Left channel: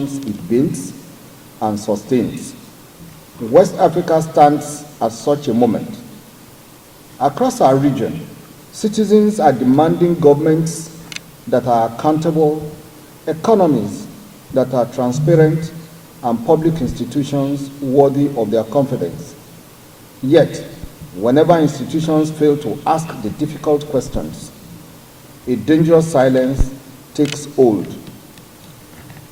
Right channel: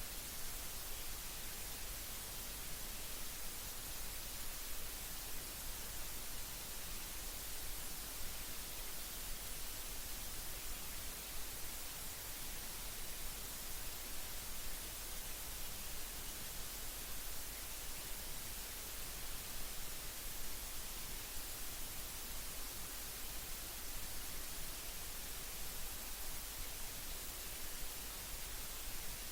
institutions it builds and sustains. West Africa stands at such a moment. Across our region, citizens are demanding governments that are accountable, economies that are transparent, and public institutions worthy of their confidence. Yet, whenever institutions fail to ask the difficult questions, a dangerous silence takes hold.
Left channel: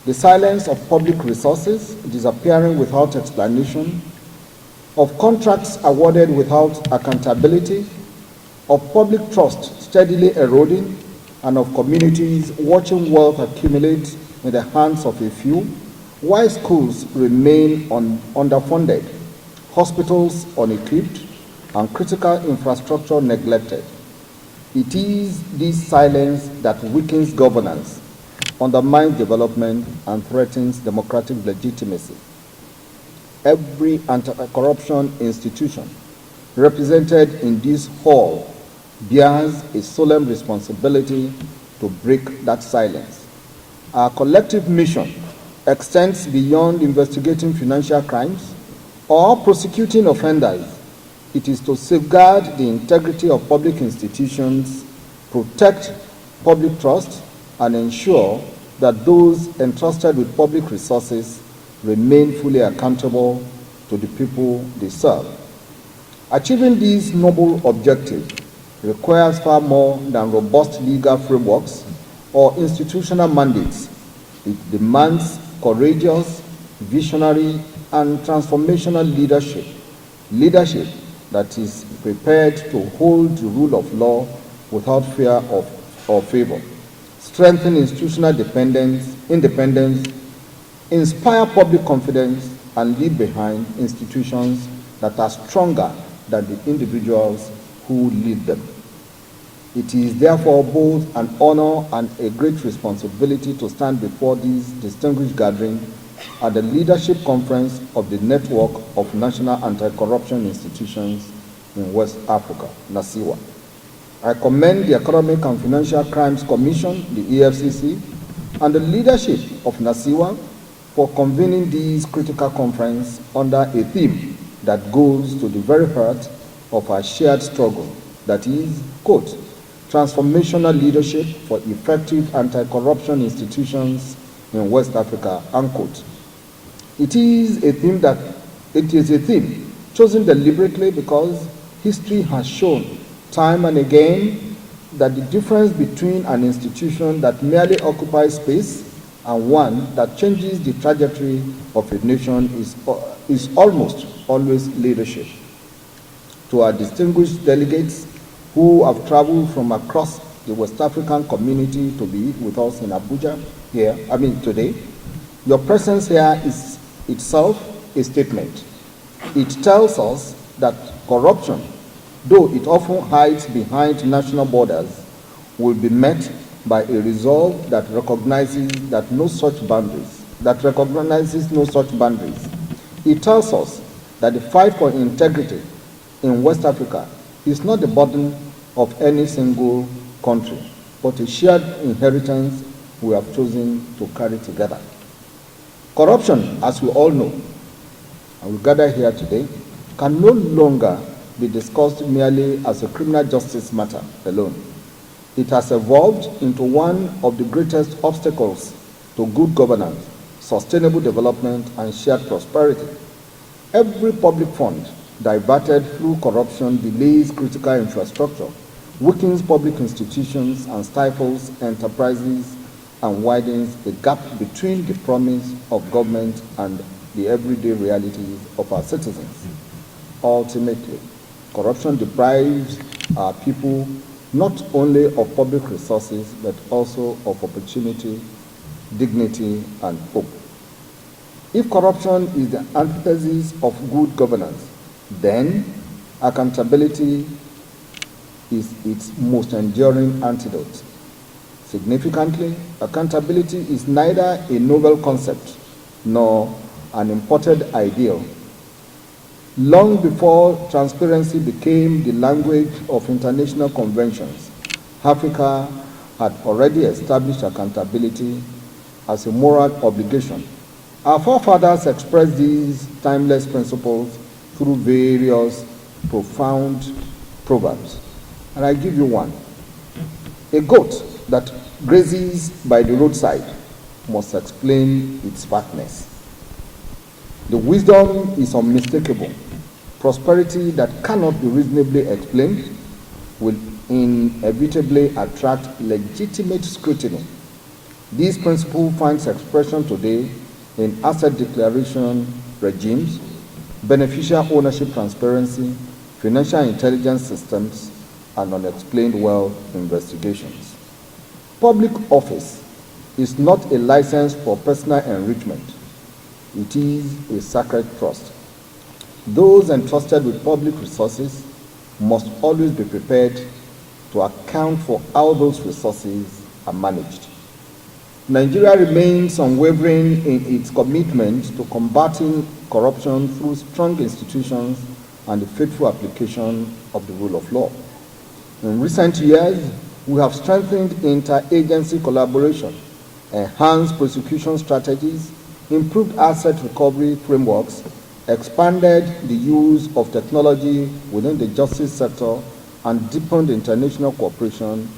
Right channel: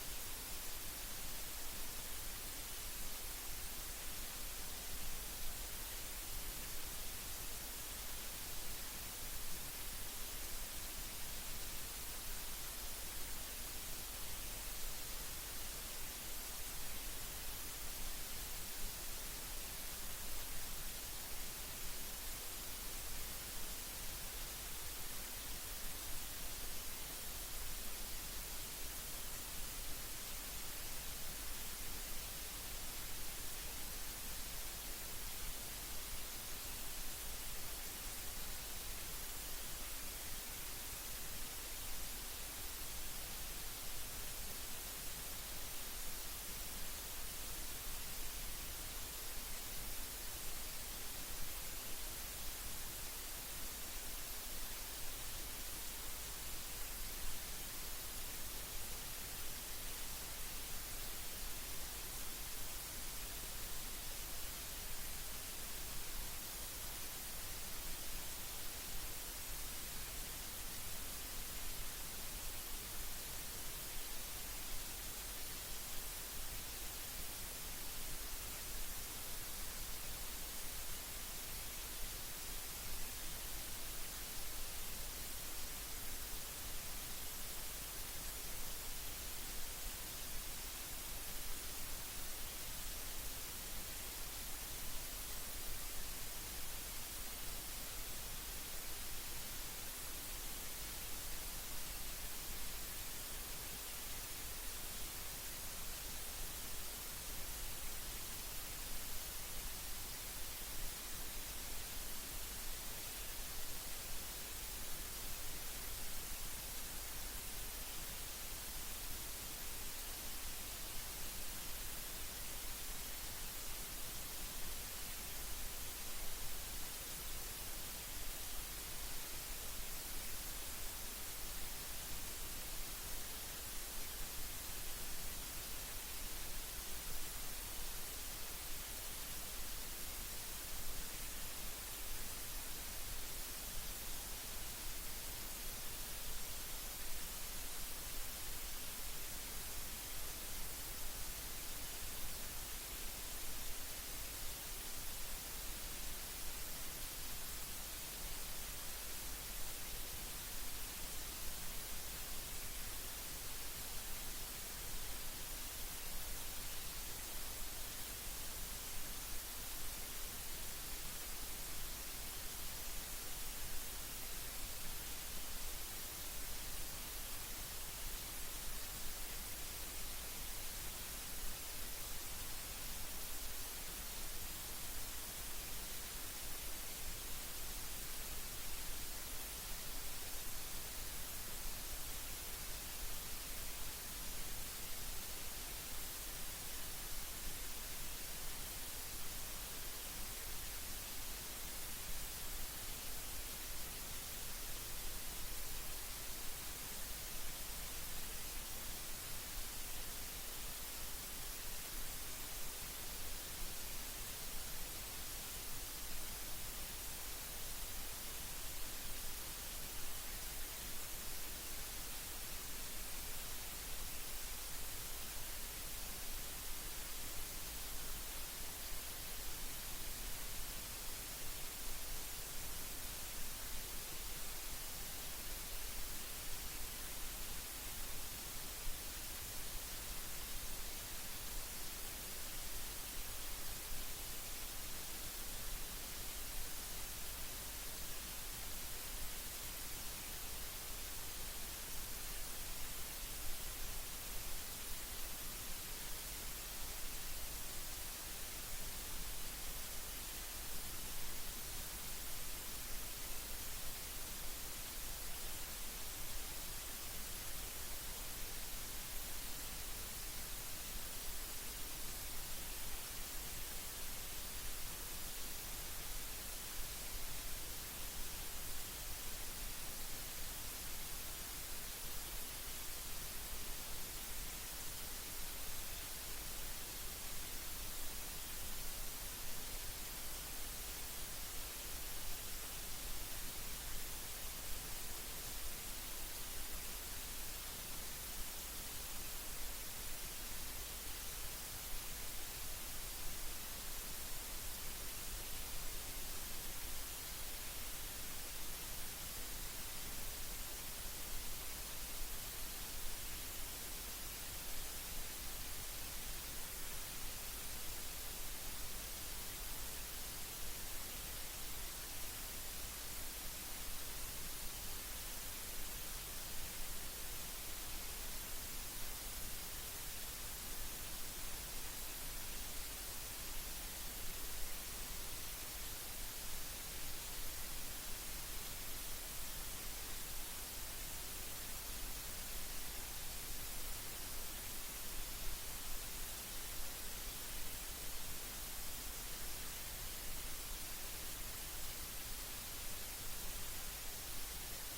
The silence of public resources disappearing without explanation, of contracts awarded without accountability, of public trust steadily eroding, and of communities watching wealth accumulate in the hands of a few, while schools remain underfunded, hospitals unequipped, and critical infrastructure neglected. It is this silence that weakens governance, undermines development, and threatens democratic legitimacy. Every anti-corruption institution represented in this hall bears a solemn responsibility to break that silence. Our collective mission extends beyond investigating financial crimes or prosecuting offenders. It is to safeguard the integrity of public institutions, protect public trust, and ensure that those entrusted with public resources remain fully accountable to the people they serve. Achieving these noble objectives requires far more than robust legal frameworks or institutional mandates. It demands courageous, visionary, and transformational leadership that is prepared to hold the rule of law without fear or favor, strengthen institutional independence, inspire public confidence, and leave behind institutions that are stronger than the individuals who lead them. It is therefore both an honor and a great responsibility to stand before this distinguished gathering at the Leadership Conference of the Network of National Anti-Corruption Institutions in West Africa, NACIWA. I commend the Economic and Financial Crimes Commission, the EFCC, and the leadership of NACIWA for convening this critical conference under a theme that goes to the very heart of our shared struggle, that is, quote, transformational leadership for effective anti-corruption institutions in West Africa, unquote. It is a theme chosen deliberately because history has shown time and again that the difference between an institution that merely occupies space and one that changes the trajectory of a nation is almost always leadership. To our distinguished delegates who have traveled from across the West African community to be with us in Abuja today, your presence here is itself a statement. It tells us that corruption, though it often hides behind national borders, will be met by a resolve that recognizes no such boundaries. It tells us that the fight for integrity in West Africa is not the burden of any single country, but a shared inheritance we have chosen to carry together. Corruption, as we all know, and we gather here today, can no longer be discussed merely as a criminal justice matter alone. It has evolved into one of the greatest obstacles to good governance, sustainable development, and shared prosperity. Every public fund diverted through corruption delays critical infrastructure, weakens public institutions, and stifles enterprises, and widens the gap between the promise of government and the everyday realities of our citizens. Ultimately, corruption deprives our people not only of public resources, but also of opportunity, dignity, and hope. If corruption is the antithesis of good governance, then accountability is its most enduring antidote. Significantly, accountability is neither a novel concept nor an imported ideal. Long before transparency became the language of international conventions, Africa had already established accountability as a moral obligation Our forefathers expressed these timeless principles through various profound proverbs. And I give you one. A goat that grazes by the roadside must explain its fatness. The wisdom is unmistakable. Prosperity that cannot be reasonably explained will inevitably attract legitimate scrutiny. This principle finds expression today in asset declaration regimes, beneficial ownership transparency, financial intelligence systems, and unexplained wealth investigations. Public office is not a license for personal enrichment. It is a sacred trust. Those entrusted with public resources must always be prepared to account for how those resources are managed. Nigeria remains unwavering in its commitment to combating corruption through strong institutions and the faithful application of the rule of law. In recent years, we have strengthened interagency collaboration, enhanced prosecution strategies, improved asset recovery frameworks, expanded the use of technology within the justice sector, and deepened international cooperation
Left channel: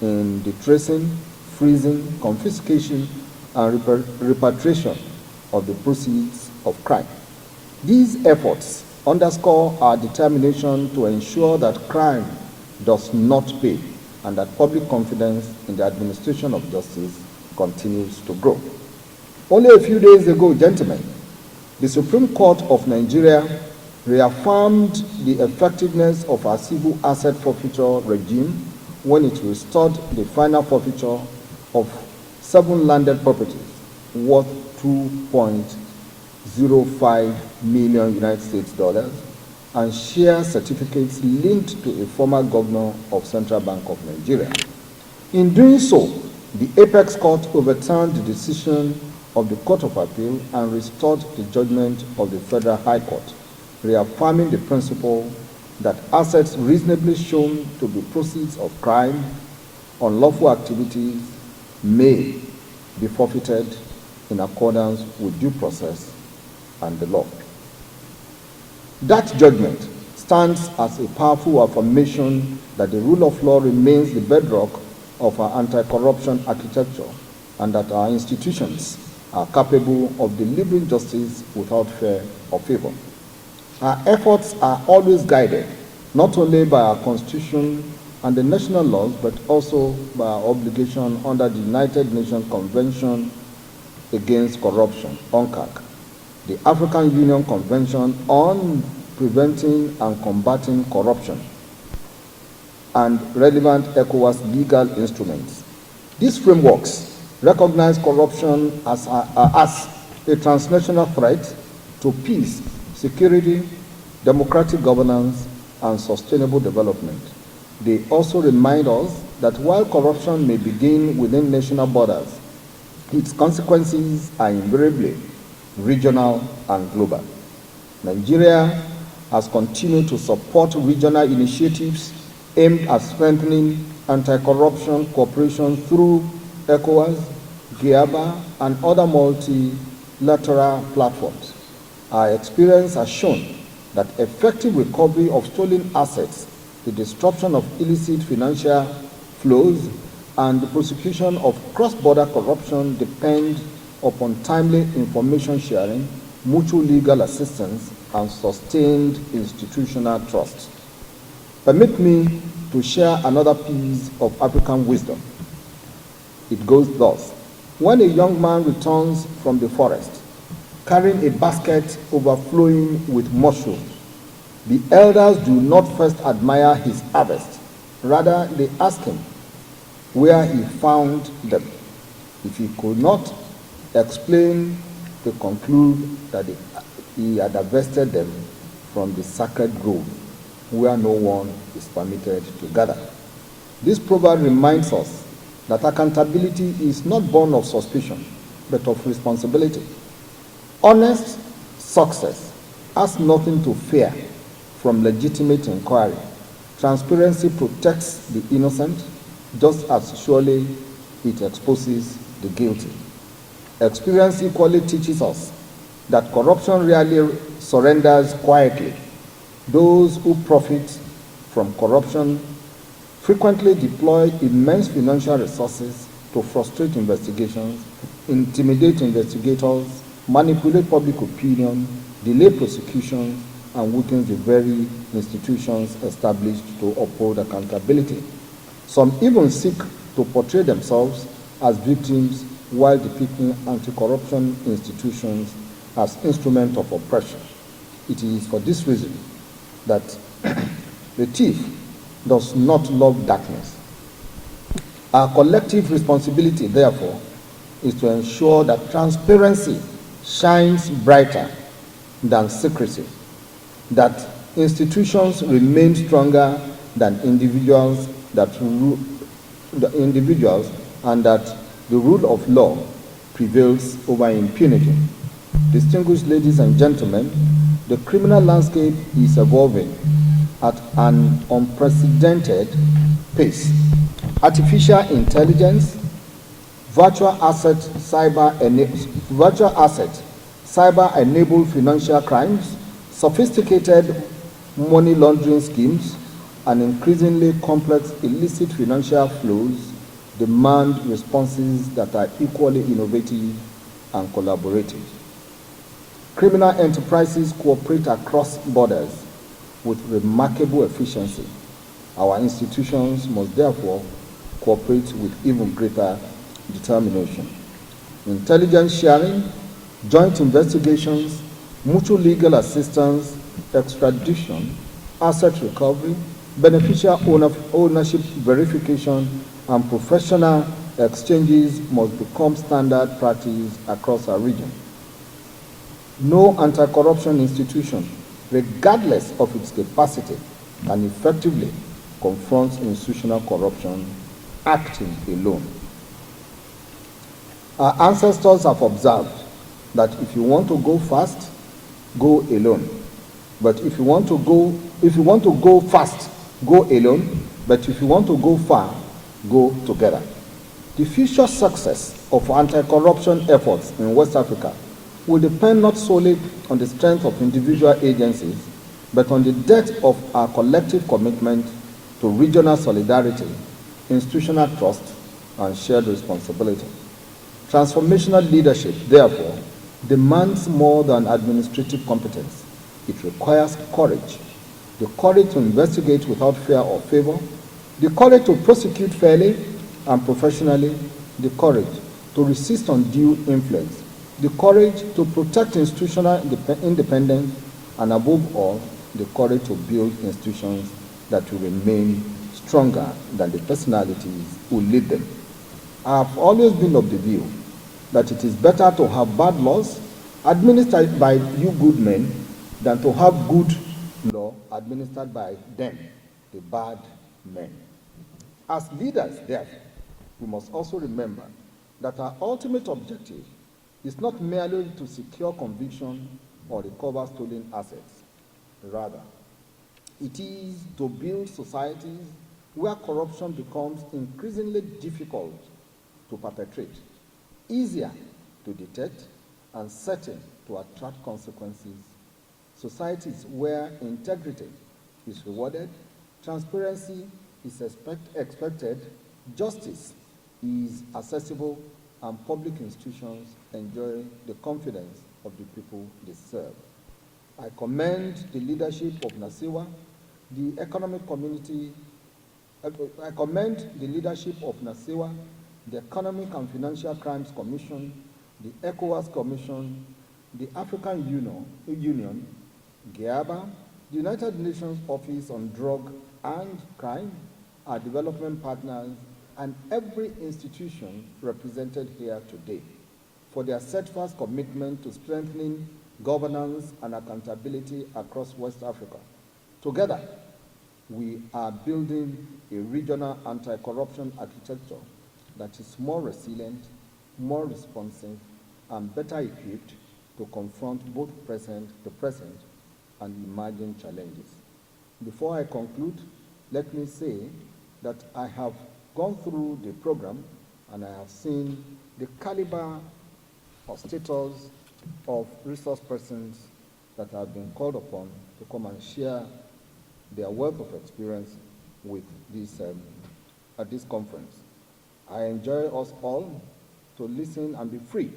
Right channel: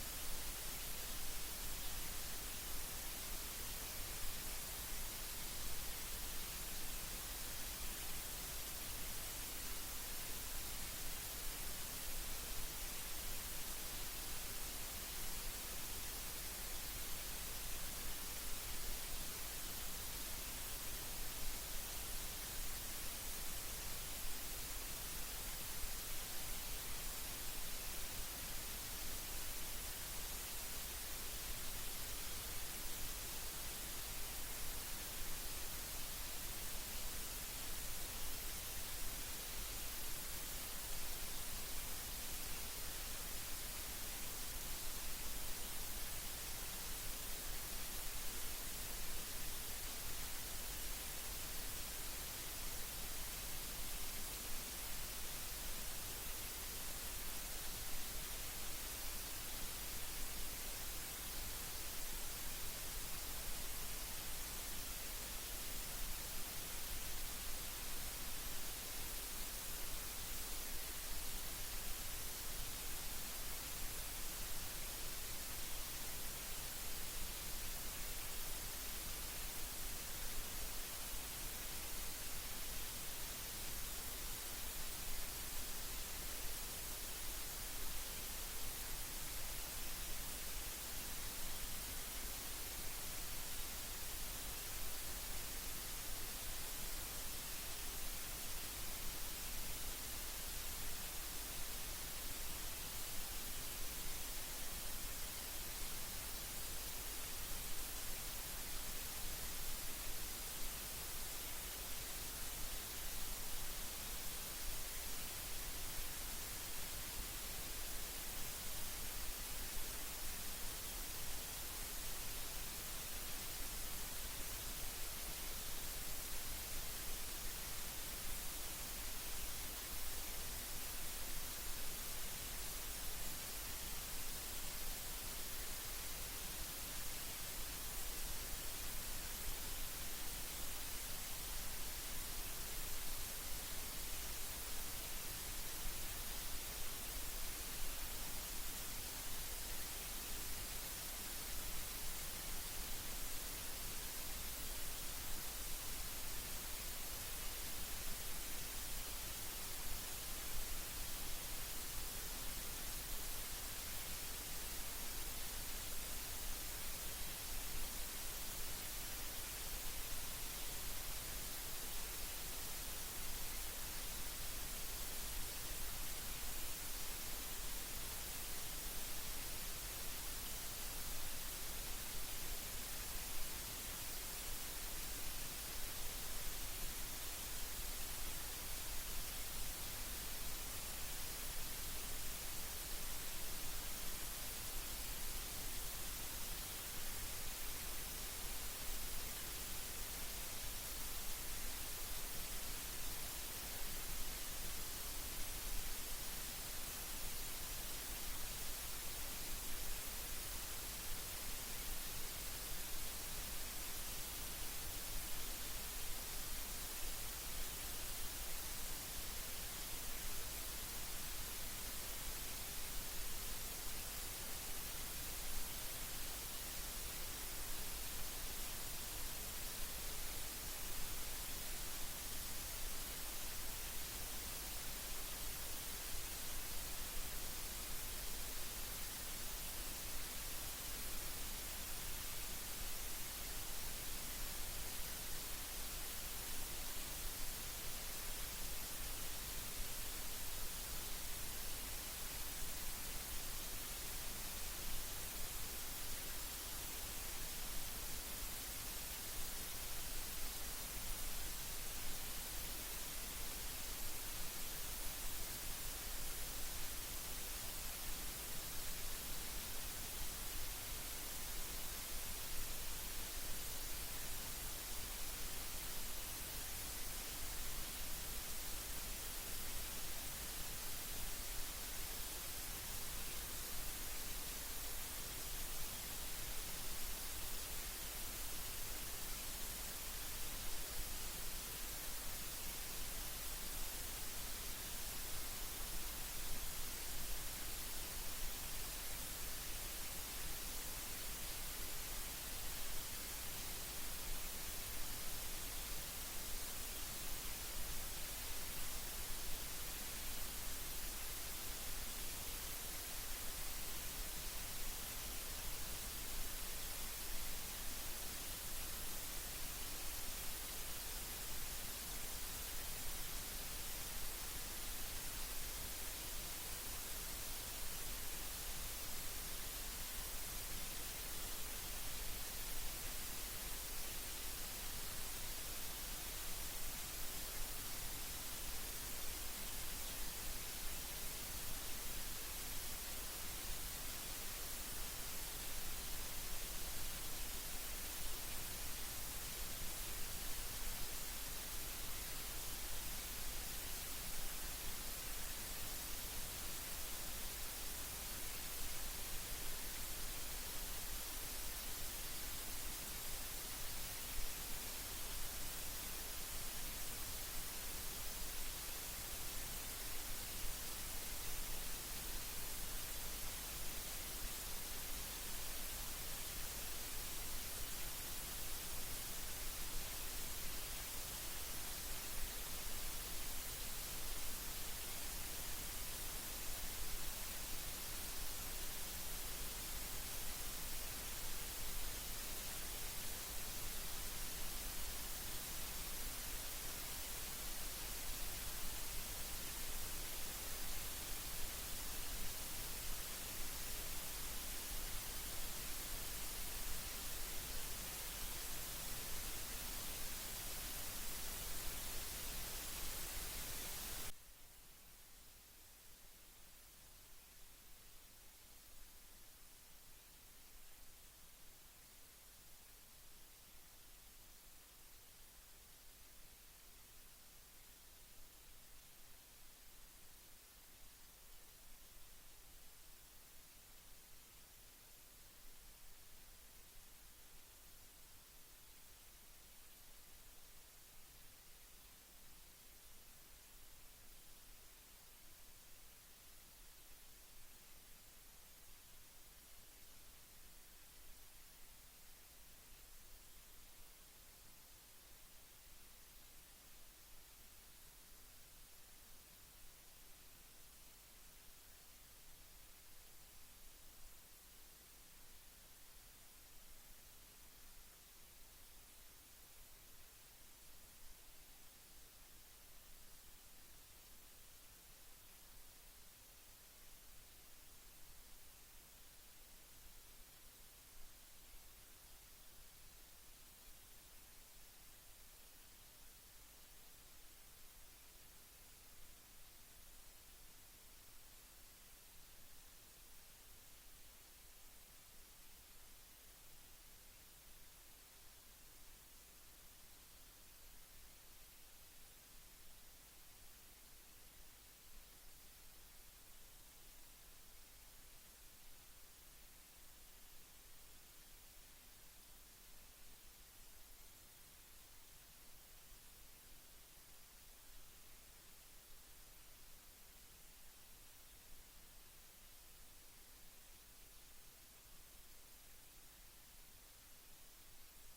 in the tracing, freezing, confiscation, and repatriation of the proceeds of crime. These efforts underscore our determination to ensure that crime does not pay and that public confidence in the administration of justice continues to grow. Only a few days ago, gentlemen, the Supreme Court of Nigeria reaffirmed the effectiveness of our civil asset forfeiture regime when it restored the final forfeiture of 7 landed properties worth $2.05 million United States dollars and share certificates linked to a former governor of Central Bank of Nigeria. In doing so, the Apex Court overturned the decision of the Court of Appeal and restored the judgment of the Federal High Court, reaffirming the principle that assets reasonably shown to be proceeds of crime, unlawful activities, may be forfeited in accordance with due process and the law. That judgment stands as a powerful affirmation that the rule of law remains the bedrock of our anti-corruption architecture and that our institutions are capable of delivering justice without fear or favor. Our efforts are always guided not only by our Constitution and the national laws, but also by our obligation under the United Nations Convention Against Corruption, UNCAC, the African Union Convention on Preventing and Combating Corruption, and relevant ECOWAS legal instruments. These frameworks recognize corruption as a transnational threat to peace, security, democratic governance, and sustainable development. They also remind us that while corruption may begin within national borders, its consequences are invariably regional and global. Nigeria has continued to support regional initiatives aimed at strengthening anti-corruption cooperation through ECOWAS, GIABA, and other multilateral platforms. Our experience has shown that effective recovery of stolen assets, the disruption of illicit financial flows, and the prosecution of cross-border corruption depend upon timely information sharing, mutual legal assistance, and sustained institutional trust. Permit me to share another piece of African wisdom. It goes thus: when a young man returns from the forest, carrying a basket overflowing with mushrooms, the elders do not first admire his harvest. Rather, they ask him where he found them. If he could not explain, they conclude that he had harvested them from the sacred grove, where no one is permitted to gather. This proverb reminds us that accountability is not born of suspicion, but of responsibility. Honest success has nothing to fear from legitimate inquiry. Transparency protects the innocent, just as surely it exposes the guilty. Experience equally teaches us that corruption rarely surrenders quietly. Those who profit from corruption frequently deploy immense financial resources to frustrate investigations, intimidate investigators, manipulate public opinion, delay prosecutions, and weaken the very institutions established to uphold accountability. Some even seek to portray themselves as victims while depicting anti-corruption institutions as instruments of oppression. It is for this reason that the thief does not love darkness. Our collective responsibility, therefore, is to ensure that transparency shines brighter than secrecy, that institutions remain stronger than individuals, and that the rule of law prevails over impunity. Distinguished ladies and gentlemen, the criminal landscape is evolving at an unprecedented pace. Artificial intelligence, virtual assets, cyber-enabled financial crimes, sophisticated money laundering schemes, and increasingly complex illicit financial flows demand responses that are equally innovative and collaborative. Criminal enterprises cooperate across borders with remarkable efficiency. Our institutions must therefore cooperate with even greater determination. Intelligence sharing, joint investigations, mutual legal assistance, extradition, asset recovery, beneficial ownership verification, and professional exchanges must become standard practice across our region. No anti-corruption institution, regardless of its capacity, can effectively confront institutional corruption acting alone. Our ancestors have observed that if you want to go fast, go alone. But if you want to go fast, go alone. But if you want to go far, go together. The future success of anti-corruption efforts in West Africa will depend not solely on the strength of individual agencies, but on the depth of our collective commitment to regional solidarity, institutional trust, and shared responsibility. Transformational leadership, therefore, demands more than administrative competence. It requires courage. The courage to investigate without fear or favor, the courage to prosecute fairly and professionally, the courage to resist undue influence, the courage to protect institutional independence, and above all, the courage to build institutions that will remain stronger than the personalities who lead them. I have always been of the view that it is better to have bad laws administered by you good men than to have good law administered by them, the bad men. As leaders, therefore, we must also remember that our ultimate objective is not merely to secure conviction or recover stolen assets. Rather, it is to build societies where corruption becomes increasingly difficult to perpetrate, easier to detect, and certain to attract consequences. Societies where integrity is rewarded, transparency is expected, justice is accessible, and public institutions enjoy the confidence of the people they serve. I commend the leadership of NASIWA, the Economic Community. I commend the leadership of NASIWA, the Economic and Financial Crimes Commission, the ECOWAS Commission, the African Union, GIABA, the United Nations Office on Drug and Crime, our development partners, and every institution represented here today for their steadfast commitment to strengthening governance and accountability across West Africa. Together, we are building a regional anti-corruption architecture that is more resilient, more responsive, and better equipped to confront both the present and emerging challenges. Before I conclude, let me say that I have gone through the program and I have seen the caliber or status of resource persons that have been called upon to come and share their wealth of experience with this at this conference. I enjoy us all to listen and be free